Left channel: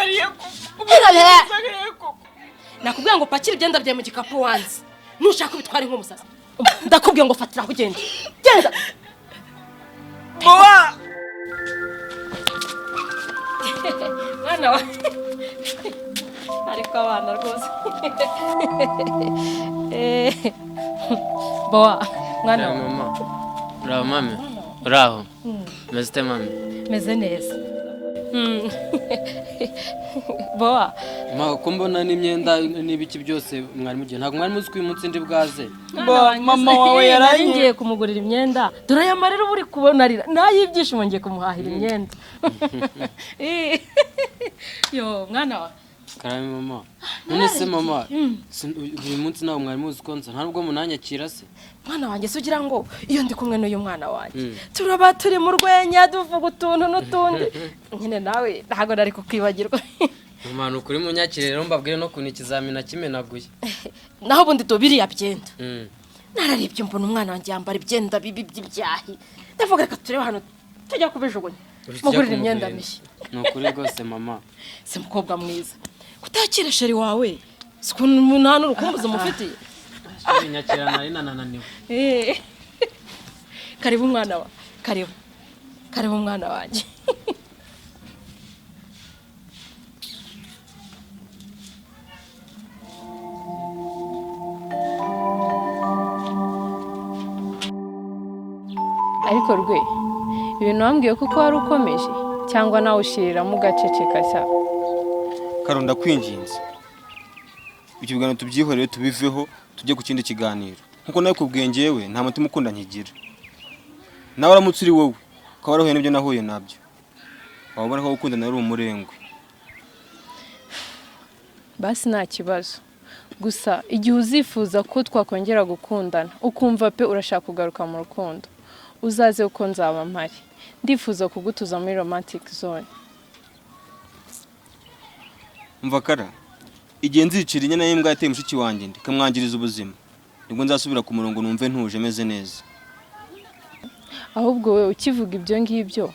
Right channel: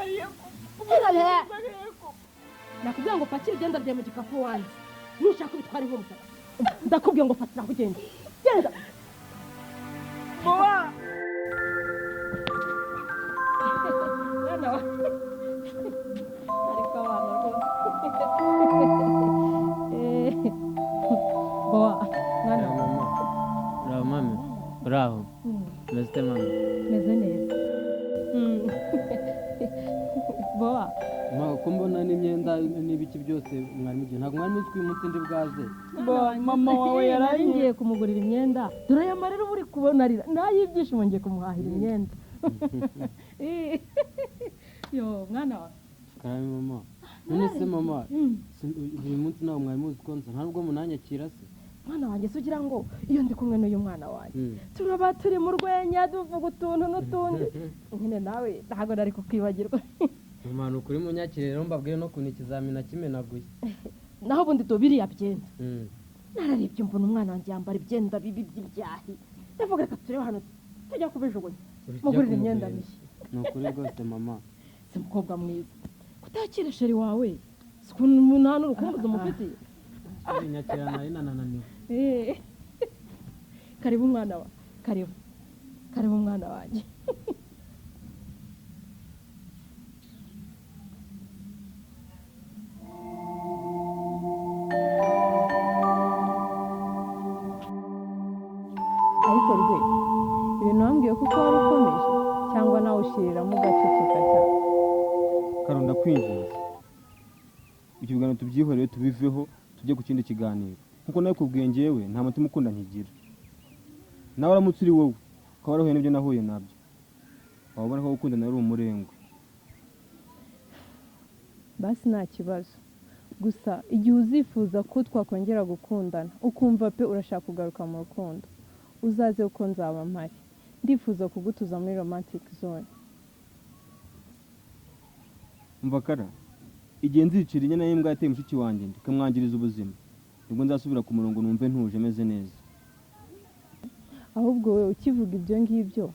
mbabariye nakubwiye ngo pakira ibyenda byawe mu gikapu wanze nushaka ubitware nk'umusazi ndakubwiye ngo fatira aho ugenda genda boa mwana wa ariko abana rwose boa mwana wa mama uraho mami uraho meze mami meze neza boa ma ko mbona n'imyenda n'ibiki byose mwari mugiye ntabwo mwari muzi ko uyu munsi ndi bwaze mama wawe yarangiye kumugurira imyenda dore aya marira uri kubona arira nayibyishimo ngiye kumuhahira imyenda yo mwana wa karame mama none se mama uyu munsi nawe mwari muzi ko nza ntabwo munanyakira se mwana wanjye se ugira ngo iyo ndi kumwe n'uyu mwana wanjye turaba turi mu rwenya duvuga utuntu n'utundi nyine nawe ntabwo nari kukwibagirwa mama nukuri munyakire rero mbabwire no kuntu ikizamini nakimenaguye naho ubundi biriya byenda nararebye mbona umwana wanjye yambara ibyenda bibi by'ibyahi ndavuga reka turebe hano tujya kubijugunya mugurira imyenda mishya nukuri rwose mama si mukobwa mwiza kutakira sheri wawe si ukuntu umuntu hano urukumbuzi umufitiye nyakira nari nananiwe karibu umwana wa karibu umwana wanjye ariko rwe ibintu wambwiye kuko wari ukomeje cyangwa nawe ushiriramo ugaceceka cya Karonda kwinginze ibyo biganiro tubyihorere tubiveho tujye ku kindi kiganiro nkuko nawe kubwiye ngewe nta mutima ukunda nkigira nawe uramutse uri wowe ukaba warahuye n'ibyo nahuye nabyo wabona ko gukundana ari umurengwe basi nta kibazo gusa igihe uzifuza ko twakongera gukundana ukumva pe urashaka kugaruka mu rukundo uzaze uko nzaba mpari ndifuza kugutuza muri romantic zone mva kara igihe nzicira inyana y'imbwa yateye mushiki wanjye ndikamwangiriza ubuzima nibwo nzasubira ku murongo numve ntuje meze neza ahubwo we ukivuga ibyo ngibyo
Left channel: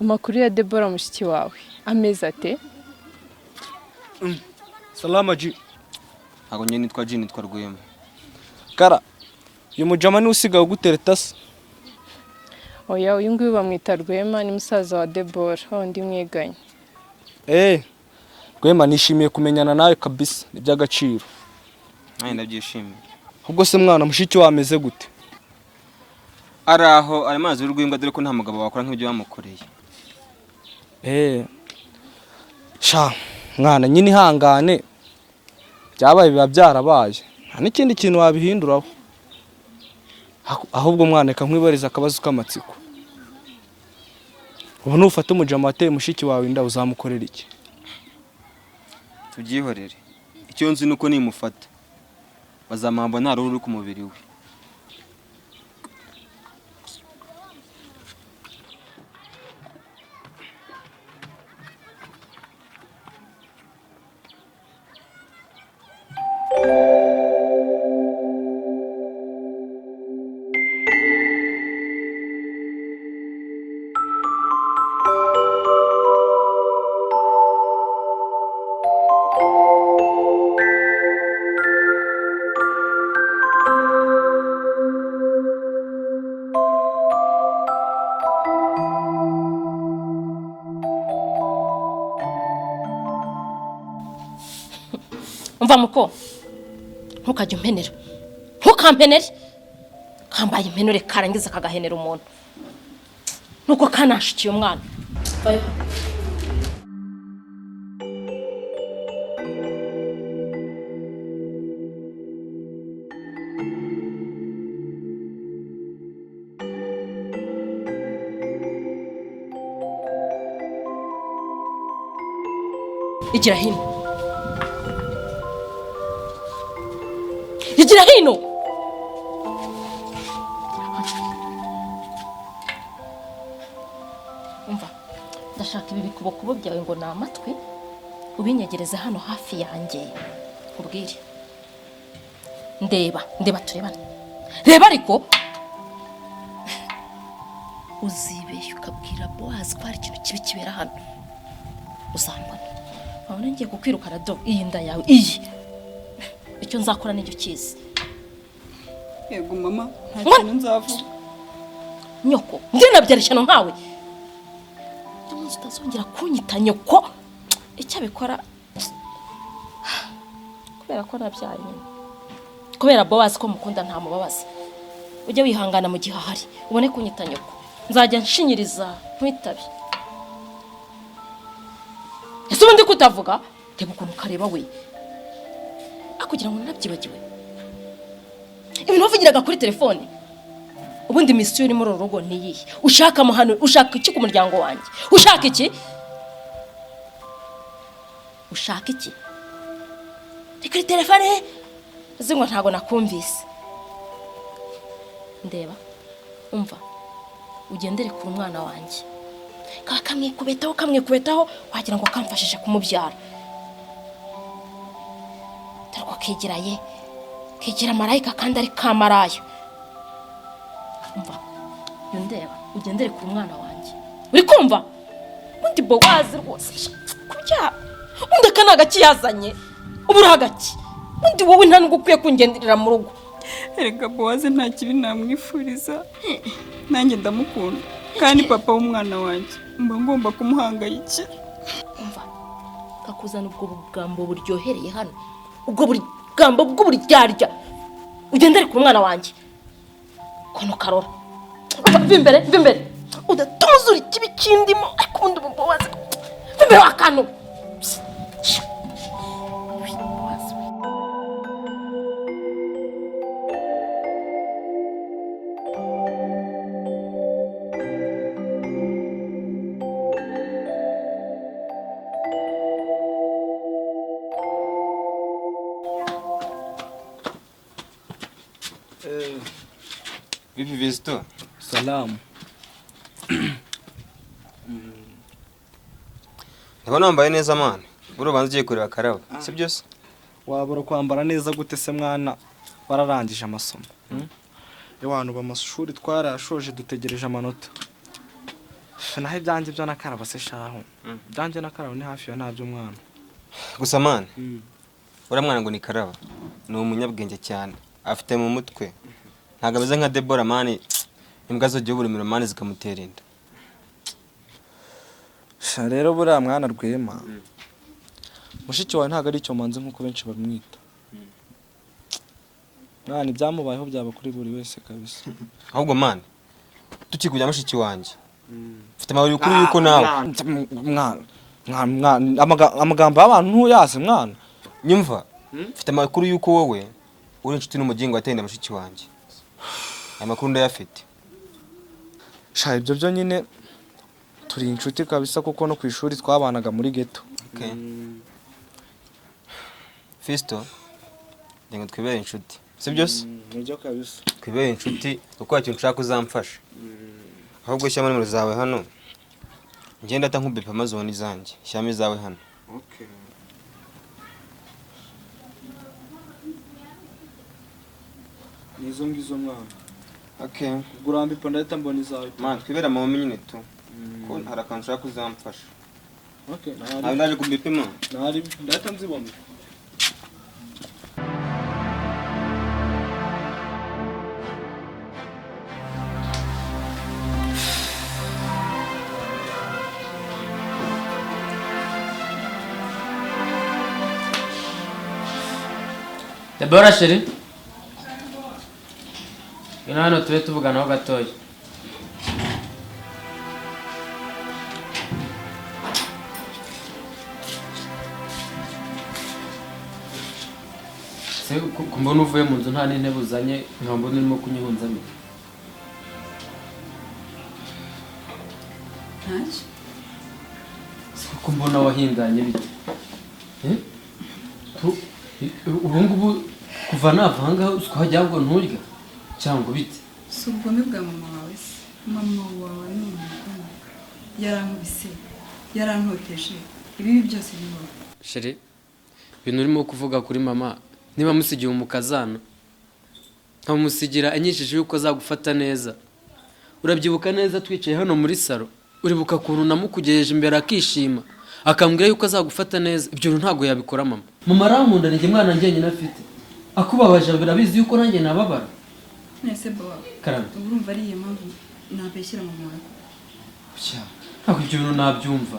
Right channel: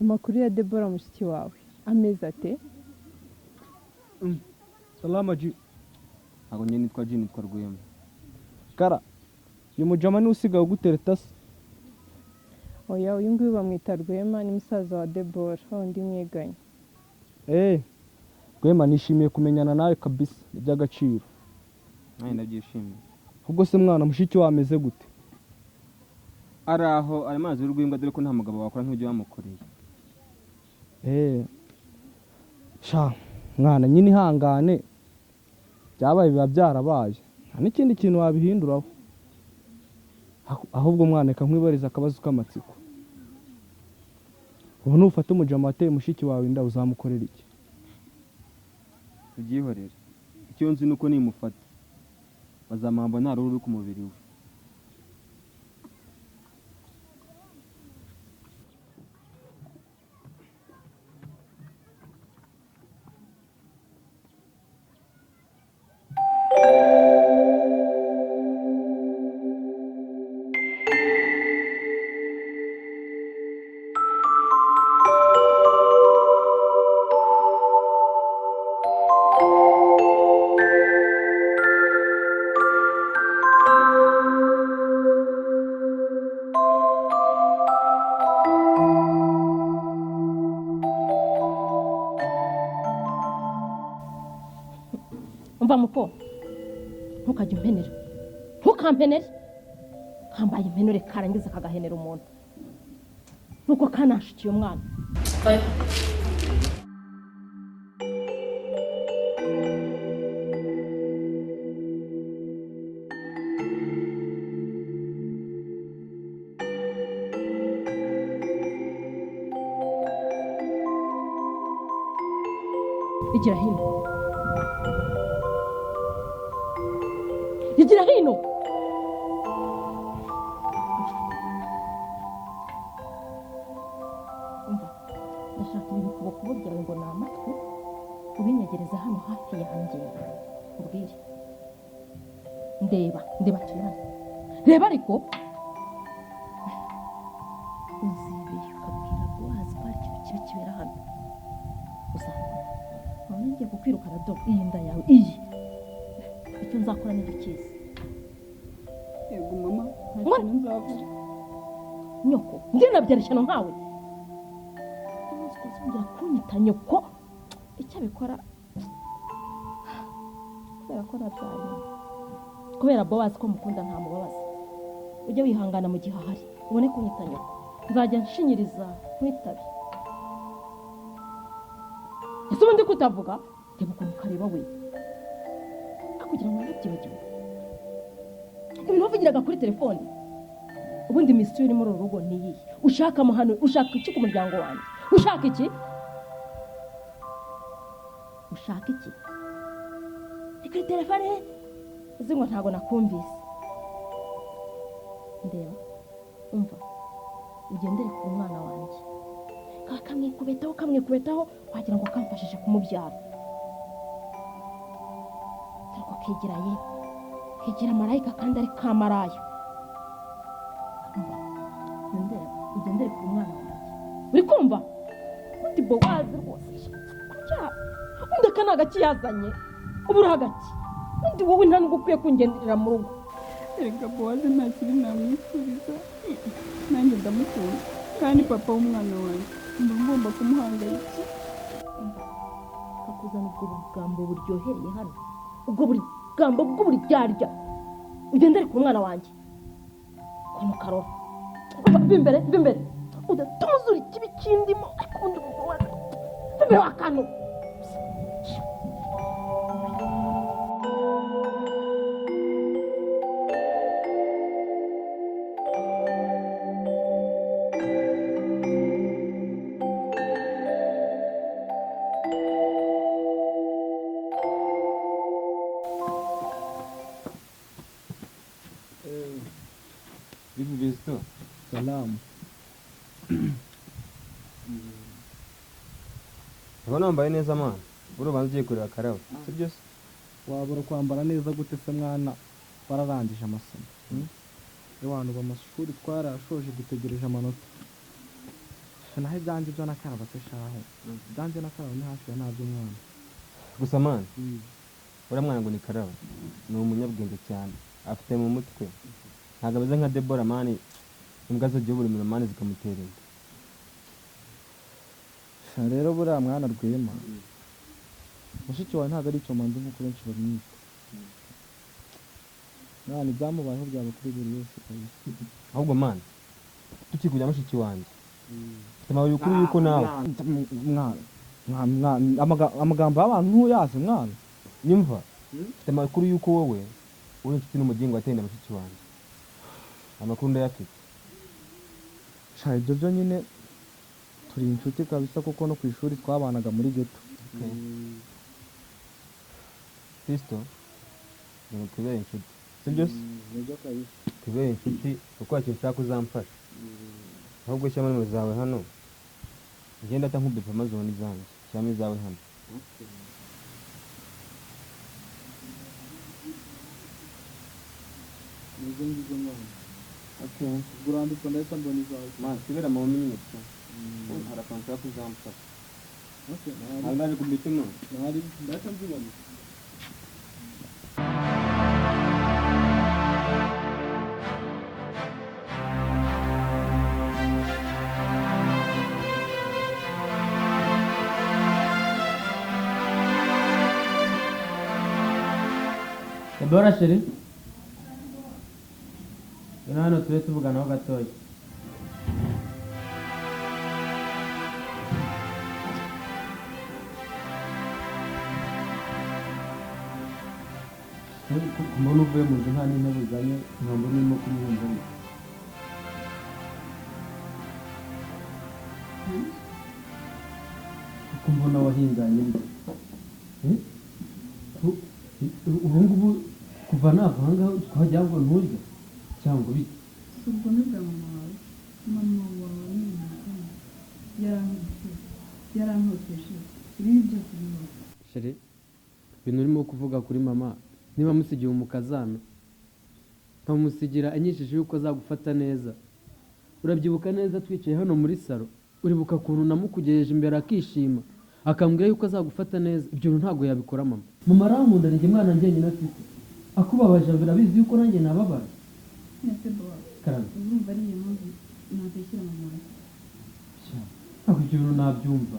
amakuru ya Debora mushiki wawe ameze ate Salama ji ntabwo njye nitwa Jini nitwa Rwema Kara uyu mujama ni usigaye ugutereta se oya uyu nguyu bamwita Rwema ni musaza wa Debora undi mwiganye Rwema nishimiye kumenyana nawe kabisa iby'agaciro nanjye ndabyishimiye ubwo se mwana mushiki wawe ameze gute araho ari mazi y'urw'imbwa dore ko nta mugabo wakora nk'ibyo bamukoreye sha mwana nyine ihangane byabaye biba byarabaye nta n'ikindi kintu wabihinduraho ahubwo mwana reka nkwibariza akabazo k'amatsiko ubu nufata umujama wateye mushiki wawe inda uzamukorera iki tubyihorere icyo nzi nuko nimufata bazamamba nta ruhu ruri ku mubiri we umva muko ntukajye umpenera ntukampenere kambaye impenure karangiza kagahenera umuntu nuko kanashikiye umwana vayo igira hino igira hino umva ndashaka ibi bikubokubo byawe ngo ni amatwi ubinyegereze hano hafi yanjye ubwire ndeba turebane reba ariko uzibeshya ukabwira Boaz ko hari ikintu kibi kibera hano uzambona aho ngiye kukwirukana do iyi nda yawe iyi icyo nzakora n'icyo kizi. Yego mama nta kintu nzavuga. Nyoko ndinabyarishano nkawe umunsi utazongera kunyita nyoko icyo abikora kubera ko nabyaye nyine kubera Boaz ko mukunda nta mubabaza ujye wihangana mu gihe ahari ubone kunyita nyoko nzajya nshinyiriza nkwitabe. Ese ubundi kutavuga reba ukuntu kareba we akugira ngo nabyibagiwe ibintu wavugiraga kuri telefone. Ubundi misiyo iri muri uru rugo ni iyihe? Ushaka amahano, ushaka iki ku muryango wanjye? Ushaka iki? Ushaka iki? Reka telefone uzi ngo ntago nakumvise. Ndeba umva ugendere ku mwana wanjye kamwikubetaho wagira ngo kamfashije kumubyara. Tariko kigira marayika kandi ari kamaraya. Umva yondeba ugendere ku mwana wanjye uri kumva undi Boaz rwose kubya undi kanaga kiyazanye ubura hagati undi wowe nta nugukwiye kungenderera mu rugo. Erega Boaz nta kibi namwifuriza nanjye ndamukunda kandi papa w'umwana wanjye mba ngomba kumuhangayikira. Umva kakuzana ubwo bugambo buryohereye hano ubwo bugambo bw'uburyarya ugendere ku mwana wanjye kono karora vimbere udatuzura ikibi kindimo ariko ubundi Boaz vimbere wakano. Vipi Visto? Salamu. Ndabona wambaye neza mwana. Buri ubanza ugiye kureba Karabo. Si byo se? Wabura kwambara neza gute se mwana wararangije amasomo? Abantu b'amashuri twarashoje dutegereje amanota. Naho ibyanjye byo nakaraba se shaho. Ibyanjye nakaraba ni hafi ya nabyo mwana. Gusa mwana. Ura mwana ngo ni Karabo. Ni umunyabwenge cyane. Afite mu mutwe. Ntago ameze nka Deborah mani. Imbwa zo buri mani zikamutera inda. Rero buriya mwana Rwema. Mushiki wawe ntago ari icyo manzi nkuko benshi bamwita. Mwana ibyamubayeho byaba kuri buri wese kabisa. Ahubwo mwana. Tukikujya mushiki wanjye. Mfite amahoro y'ukuri yuko nawe. Mwana amagambo y'abantu ntuyazi mwana. Nyumva. Mfite amakuru yuko wowe uri inshuti n'umugingo watenda mushiki wanjye. Aya makuru ndayafite. Sha ibyo byo nyine turi inshuti kabisa kuko no ku ishuri twabanaga muri ghetto. Okay. Fisto, ngo twibere inshuti. Si byo se? Nibyo kabisa. Twibere inshuti kuko ikintu ushaka uzamfasha. Ahubwo shyama nimero zawe hano. Ngenda ata nkubepa amazoni zanjye. Shyama zawe hano. Okay. Nizo ngizo mwana. Okay. Gurambi pandata mboni zawe. Man, twibera mu nyine tu. Ko harakantu ushaka uzamfasha. Okay. Nawe ndaje kubipima. Nari ndata nzibona. Deborah chérie. Ino hano tube tuvuganaho gatoya. Se kumbona uvuye mu nzu nta n'intebe uzanye nkambona urimo kunyihunzamira. Ntacyo. Kuko mbona wahinganye bite? Ubu ngubu kuva nava ahangaha twajya ngo nturya cyangwa bite? Si ubugome bwa mama wawe se. Mama wawe ni umugome. Yarankubise, yarantoteje. Ibi byose bibaho. Chérie, ibintu urimo kuvuga kuri mama niba musigiye umukazana nkamusigira anyishije yuko azagufata neza. Urabyibuka neza twicaye hano muri salo uribuka kuntu namukugejeje imbere akishima akambwira yuko azagufata neza, ibyo bintu ntabwo yabikora mama. Mama arankunda, njye mwana njyenyine afite, akubabaje birabizi yuko nanjye nababara. Nese baba Karame, urumva ari iyo mpamvu nabeshyira mama wawe? ntabwo ibyo bintu nabyumva.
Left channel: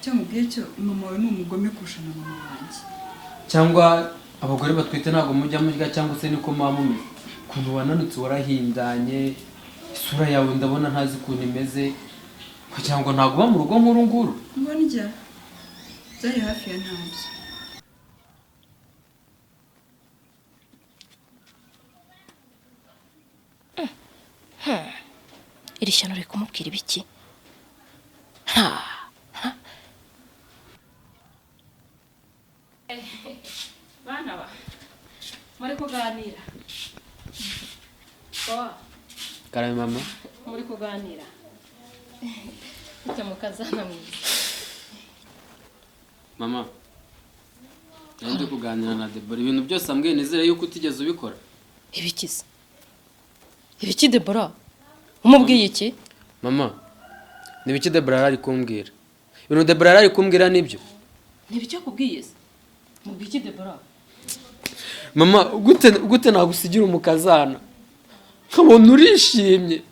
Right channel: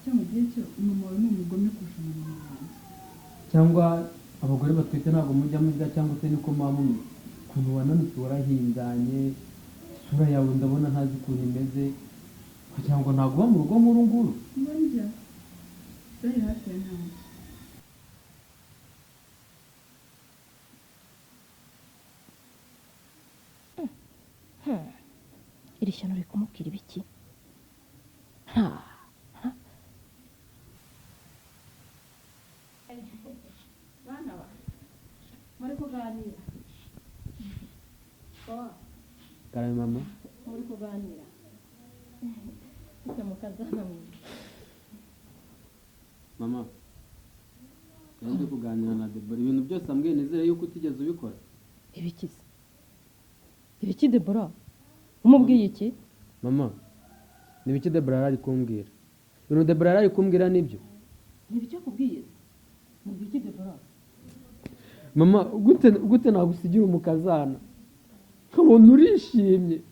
Cyo mubwiye cyo mama wawe ni umugome kurusha na mama wanjye. Cyangwa abagore batwite ntabwo mujya murya, cyangwa se niko muba mumeze? Ukuntu wananutse warahindanye, isura yawe ndabona ntazi ukuntu imeze, kugira ngo ntabwo uba mu rugo nk'uru nguru. Ngo njya byari hafi ya ntabyo. iri shyano riri kumubwira ibiki? Bana ba muri kuganira. Karame mama. Muri kuganira. Ujya mu kazana mwiza. Mama, ndi kuganira na Debora ibintu byose ambwiye, nizere yuko utigeze ubikora. Ibikize? Ibiki Debora? Umubwiye iki? Mama, nibiki Debora ari kumbwira? Ibintu Debora ari kumbwira nibyo? Nibicyo kubwiye se? Mubwiye iki Debora? Mama, gute nagusigira umukazana? Kabona urishimye.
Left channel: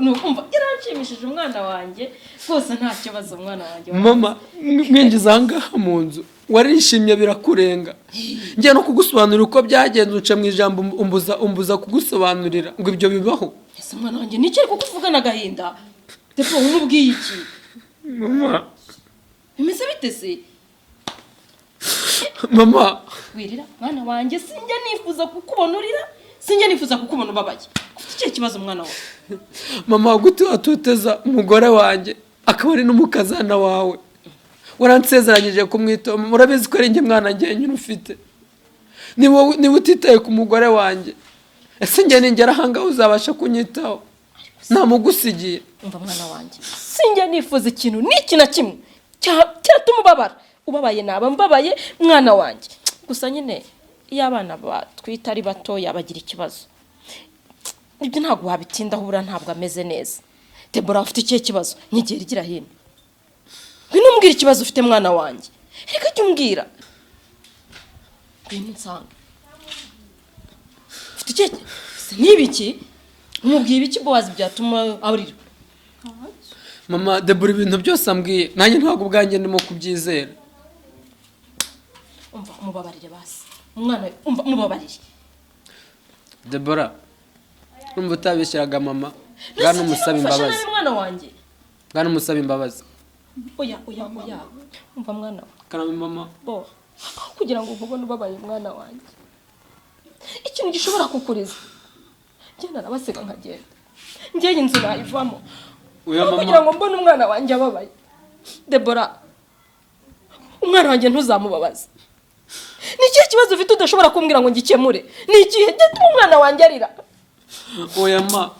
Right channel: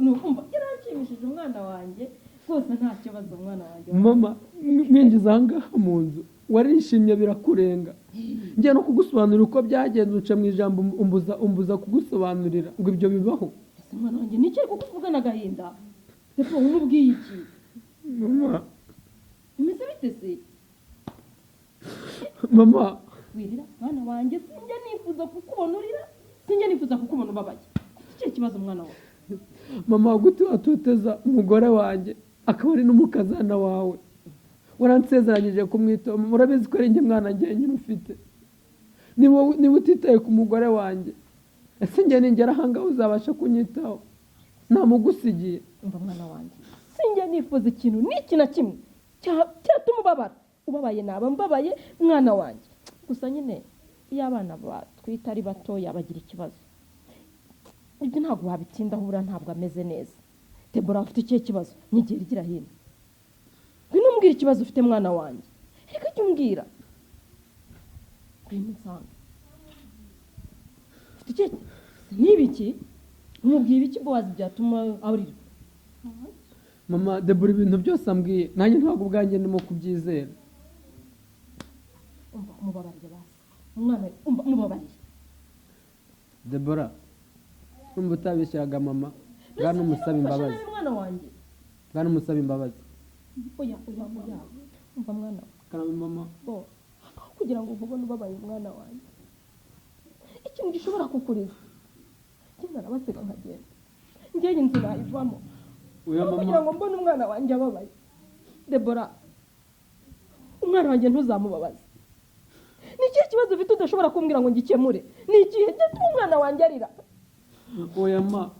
Nukumva yaranshimishije umwana wanjye rwose, nta kibazo umwana wanjye. Mama, mwinjiza ahangaha mu nzu warishimye birakurenga. Ngiye no kugusobanurira uko byagenze, uca mu ijambo umbuza kugusobanurira ngo ibyo bibaho. Ese umwana wanjye ni cyo kukuvugana agahinda? Depo umubwiye iki? Mama, bimeze bite se? Mama, Wirira mwana wanjye, sinjya nifuza kukubona urira, sinjya nifuza kukubona ubabaye. Ufite kibazo mwana wawe? Mama, gute watuteza umugore wanjye akaba ari n'umukazana wawe? Waransezeranyije kumwitaho, murabizi ko ari njye mwana njye nyine ufite. Niba utitaye ku mugore wanjye, ese njye ningera ahangaha uzabasha kunyitaho? Namugusigiye. Umva mwana wanjye, sinjya nifuza ikintu n'iki na kimwe cyatuma ubabara. Ubabaye naba mbabaye mwana wanjye. Gusa nyine iyo abana batwita ari batoya bagira ikibazo, ibyo ntabwo wabitindaho, ubura ntabwo ameze neza. Debora afite ikihe kibazo? Nyigera igira hino. Ngwino umbwira ikibazo ufite mwana wanjye. Reka jya umbwira. Ngwino nsanga. Ufite ikihe? N'ibiki? Umubwiye ibiki Bowazi byatuma aburira? Mama, Debora ibintu byose ambwiye nanjye ntabwo ubwanjye ndimo kubyizera. Umva umubabarire basi. Umwana umva umubabarire. Debora, urumva utabishyiraga mama, bwana umusaba imbabazi. Mwana wanjye. Bwana umusaba imbabazi. Oya. Umva mwana. Karame mama. Bo. Kugira ngo ubone ubabaye mwana wanjye. Ikintu gishobora kukuriza. Njye narabasiga nkagenda. Njye inzu nayivamo. Oya mama. Kugira ngo mbone umwana wanjye ababaye. Debora. Umwana wanjye ntuzamubabaze. Ni ikihe kibazo ufite udashobora kumbwira ngo ngikemure? Ni ikihe gituma umwana wanjye arira? Oya ma,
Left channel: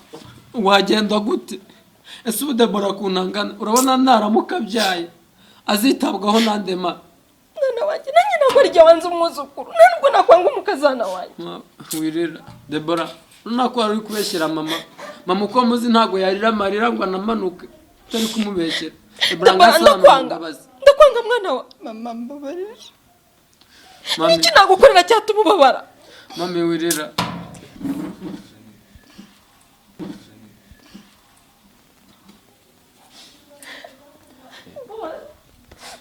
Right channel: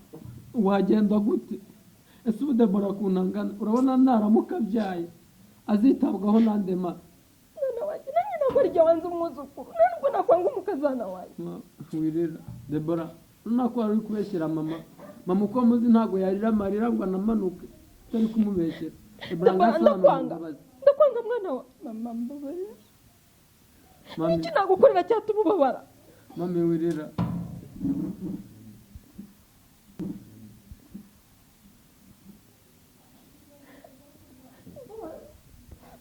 wagenda gute? Ese ubu Debora kunangana, urabona naramuka byaye azitabwaho nande ma? Mwana wanjye nanjye ntabwo ari jye wanze umwuzukuru, nubwo nakwanga umukazana wanjye. Wirira Debora, runako wari uri kubeshyera mama. Mama uko muzi ntabwo yarira amarira ngo anamanuke, utari kumubeshyera. Debora ndakwanga mwana wa Mama mbabarira. Niki nagukorera cyatuma ubabara? Mami wirira.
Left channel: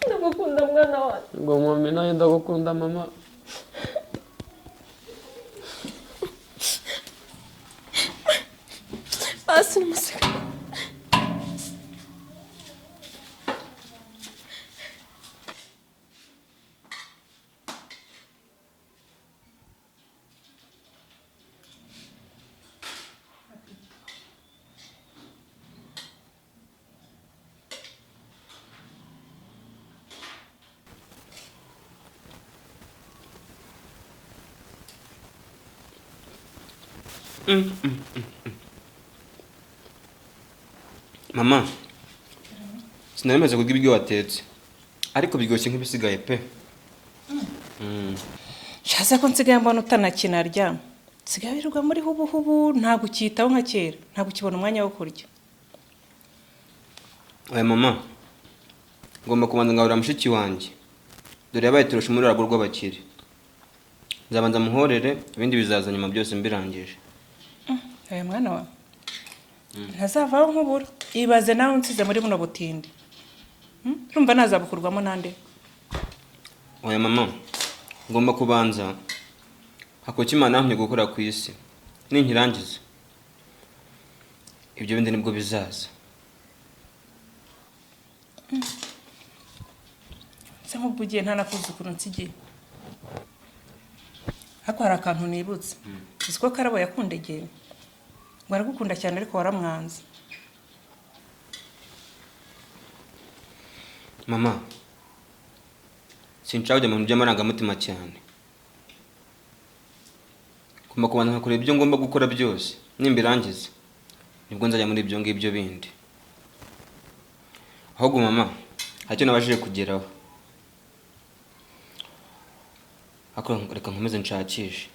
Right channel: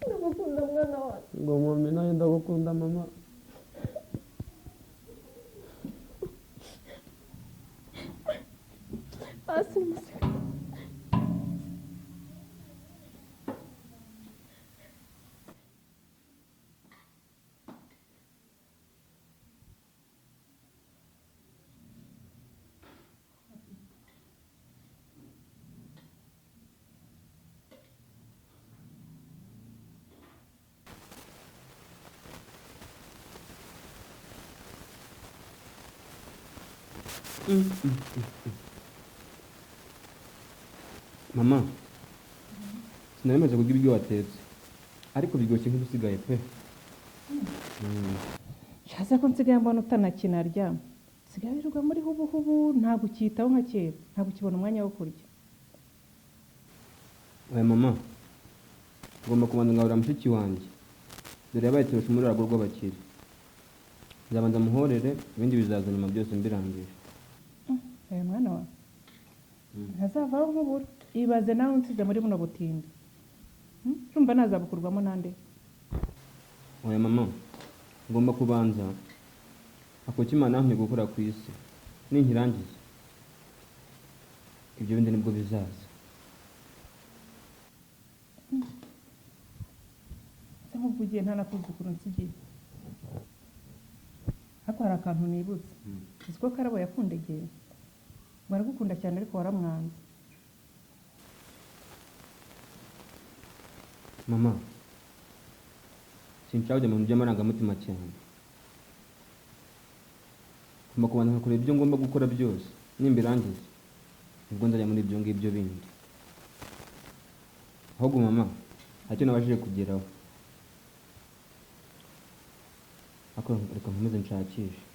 Ndagukunda mwana wanjye. Ngo mami nawe ndagukunda mama. Basi museka. Mama, sinari maze kurya ibyo watetse, ariko biryoshye nk'ibisigaye pe. Shaza ko nsigaye mbona utanakinarya. Nsigaye birirwa muri hubu ntabwo ukitaho nka kera, ntabwo ukibona umwanya wo kurya. Oya mama, ngomba kubanza ngahurira mushiki wanjye dore yabaye turusha muri rurago rw'abakire. Nzabanza muhorere ibindi bizaza nyuma byose mbirangije. Oya mwana wa ntazavaho nk'ubura ibaze nawe unsize muri buno butindi. Urumva nazabukurwamo nande? Oya mama, ngomba kubanza hakoki Imana yampye gukora ku isi ninkirangiza ibyo bindi nibwo bizaza. Se nk'ubwo ugiye ntanakuzukuru nsigiye. Hako hari akantu nibutse. Uzi ko Karabo yakundegeye ngo aragukunda cyane ariko waramwanze. Mama, sinshaka kujya mu bintu by'amarangamutima cyane. Ngomba kubanza nkakora ibyo ngomba gukora byose nimbirangiza nibwo nzajya muri ibyo ngibyo bindi. Ahubwo mama, hacyo nabashije kugeraho. Reka nkomeze nshakishe.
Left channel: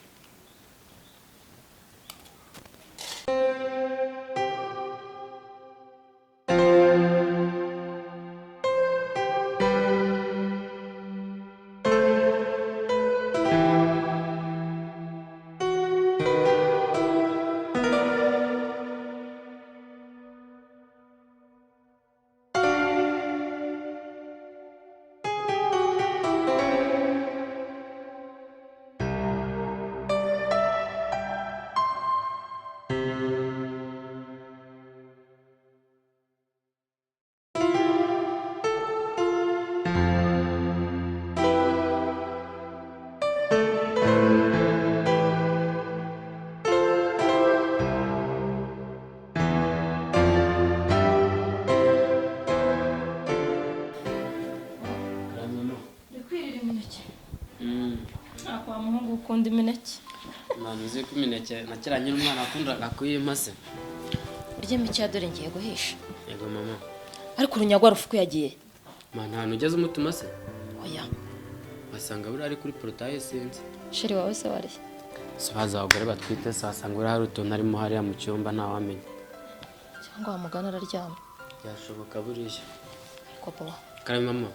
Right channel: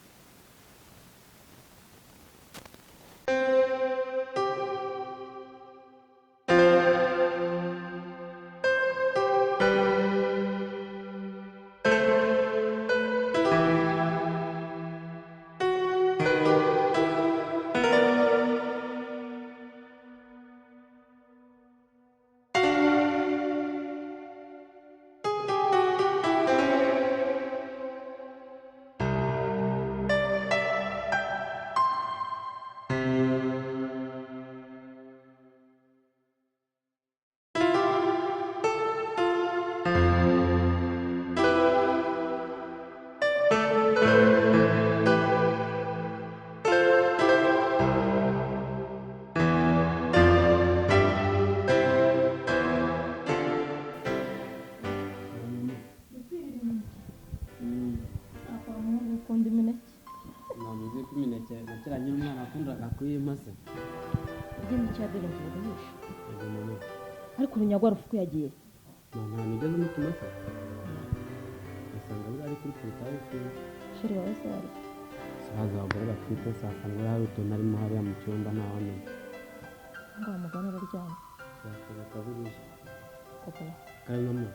Ukunda imineke? Mwana uzi ko imineke nakira nyine umwana akundaga kuyimase. Urya mike ya dore ngiye guhisha. Yego mama. Ariko urunyagwa rufuku yagiye. Mwana hano ugeze umutuma se? Oya. Basanga buri ari kuri portail sinzi. Sheri wawe se wari? So haza abagore batwite sasanga buri hari utuntu arimo hariya mu cyumba ntawamenya. Cyangwa wamugana araryama. Byashoboka buriya. Ko papa. Karame mama.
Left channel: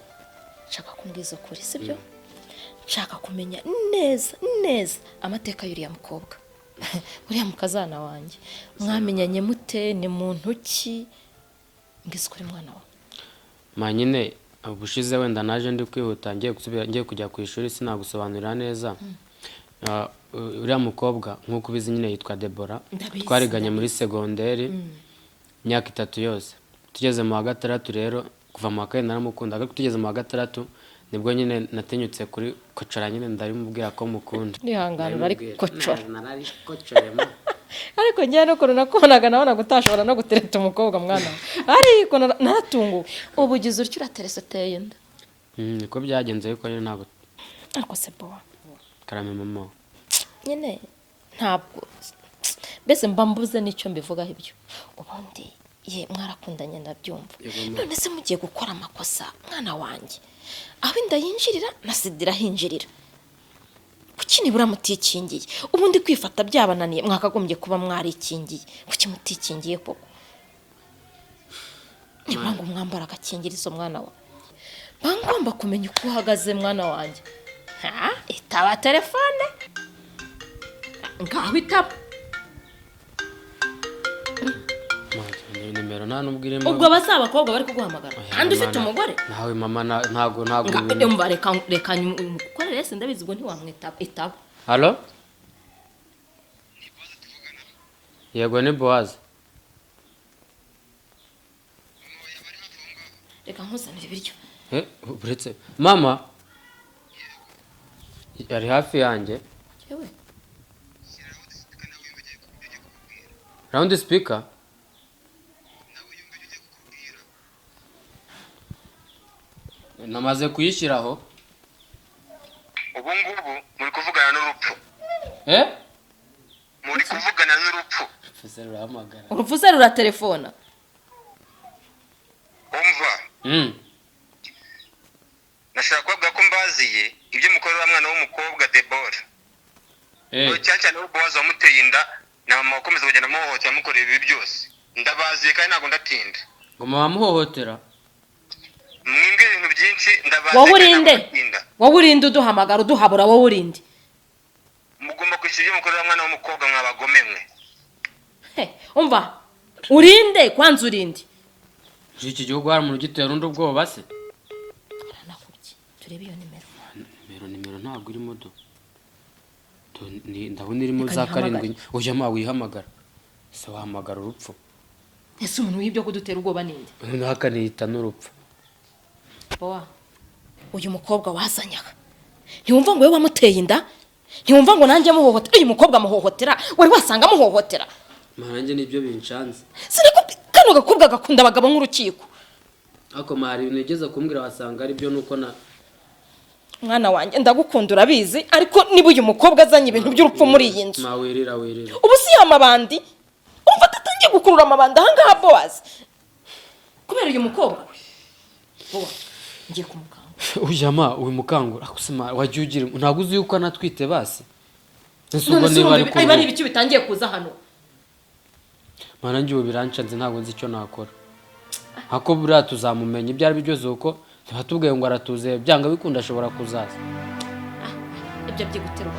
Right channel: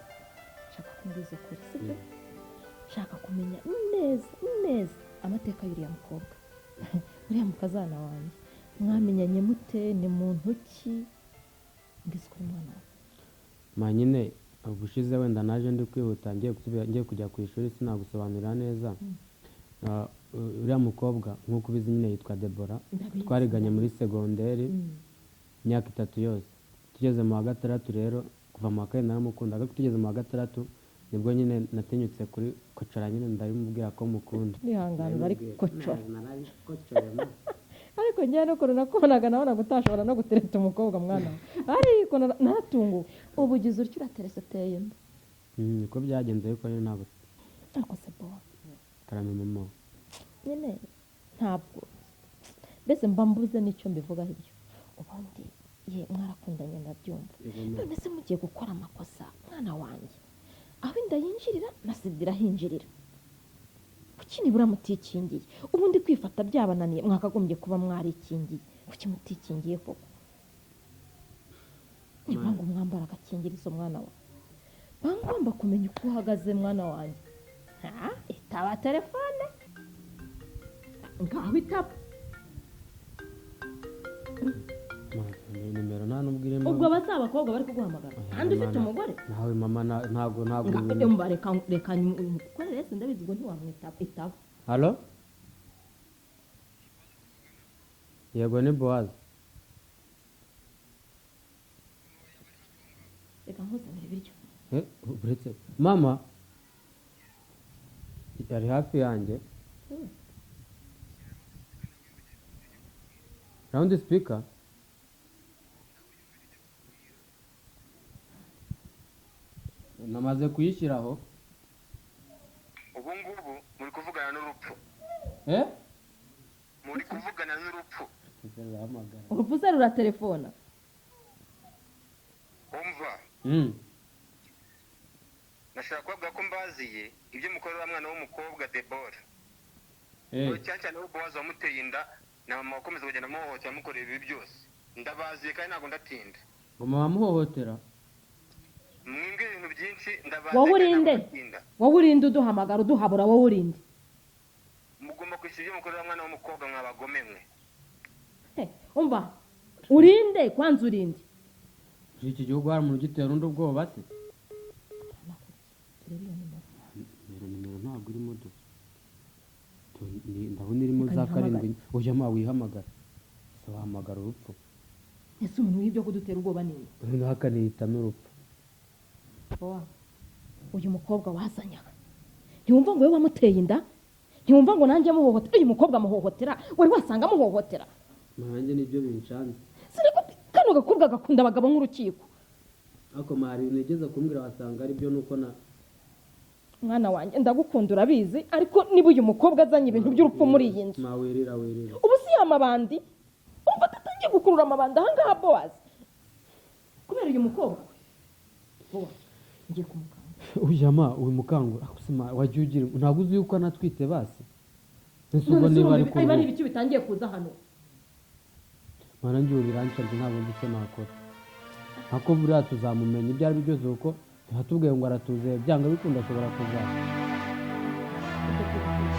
Nshaka kumbwiza ukuri sibyo? Nshaka kumenya neza amateka y'uriya mukobwa. Uriya mukazana wanjye. Mwamenyanye mute, ni muntu ki? Ngize kuri mwana wa. Manyine ubushize wenda naje ndi kwihuta ngiye kujya ku ishuri sinagusobanurira neza. Uriya mukobwa nkuko ubizi nyine yitwa Deborah. Twariganye muri segonderi imyaka 3 yose. Tugeze mu wa gatandatu rero kuva mu wa kane naramukunda ariko tugeze mu wa gatandatu nibwo nyine natinyutse kuri kocara nyine ndarimubwira ko mukunda. Nihangana ari kocara. Narari kocorema. Ariko njye no korona konaga nabona gutashobora no gutereta umukobwa mwana. Ariko naratunguwe. Ubugize uryo uraterese teye nda. Niko byagenze yuko nyine ntabwo. Ariko se bo. Karame mama. Nyine ntabwo bese mbambuze nicyo mbivugaho ibyo. Ubundi ye mwarakundanye ndabyumva. None se mugiye gukora amakosa mwana wanjye. Aho inda yinjirira na sidira hinjirira. Kuki nibura mutikingiye? Ubundi kwifata byabananiye mwakagombye kuba mwarikingiye. Kuki mutikingiye koko? Nibura ngo mwambara agakingirizo mwana wa. Bangomba kumenya uko uhagaze mwana wanjye. Itaba telefone. Ngaho itaba. Nimero nta nubwiremo. Ubwo basaba abakobwa bari kuguhamagara. Kandi ufite umugore? Nawe mama ntago Umva reka ukorere se ndabizi ngo ntiwamwitaba itaba. Hello? Yego ni Boaz. Reka nkuzanire ibiryo. Buretse mama yari hafi yanjye. Yewe. Round speaker. Namaze kuyishyiraho. Ubu ngubu muri kuvugana n'urupfu. Muri kuvugana n'urupfu. Fuse ruhamagara. Urupfu se rura telefona. Umva. Nashaka kuvuga ko mbaziye ibyo mukorera mwana w'umukobwa Deborah. Cyane ubu Boaz wamuteye inda na mama wakomeza kugenda muhohotera mukorera ibi byose. Ndabaziye kandi ntago ndatinda. Ngo mama muhohotera. Mwinge ibintu iki ndabaza wowe urinde wowe urinde uduhamagara uduhabura wowe urinde mugomba kwishyura ibyo mukorera mwana w'umukobwa mwabagome mwe umva urinde kwanza urinde iki gihugu hari umuntu ugitera undi ubwoba se aranakubye turebe iyo nimero ntabwo irimo ndabona irimo za karindwi ujya ma wihamagara se wahamagara urupfu ese umuntu w'ibyo kudutera ubwoba ninde ntakanihita n'urupfu bowa uyu mukobwa wazanyaga ntiwumva ngo we wamuteye inda ntiwumva ngo nanjye muhohotera uyu mukobwa muhohotera wari wasanga muhohotera nanjye nibyo binshanze kano gakobwa gakunda abagabo nk'urukiko ako mari ibintu yigeze kumbwira wasanga ari byo nuko na mwana wanjye ndagukunda urabizi ariko niba uyu mukobwa azanye ibintu by'urupfu muri iyi nzu wirira ubu si amabandi umva atatangiye gukurura amabandi ahangaha bowazi kubera uyu mukobwa bowa ngiye kumukanga ujyama uyu mukangura akusima wagiye ugira ntabwo uzi yuko anatwite basi nsugo niba ari kuba ari ibiki bitangiye kuza hano mana njye ubu biranshanze ntabwo nzi icyo nakora ako buriya tuzamumenya ibyo ari byo byose uko tuba tubwiye ngo aratuze byanga bikunda ashobora kuzaza ibyo byiguterwa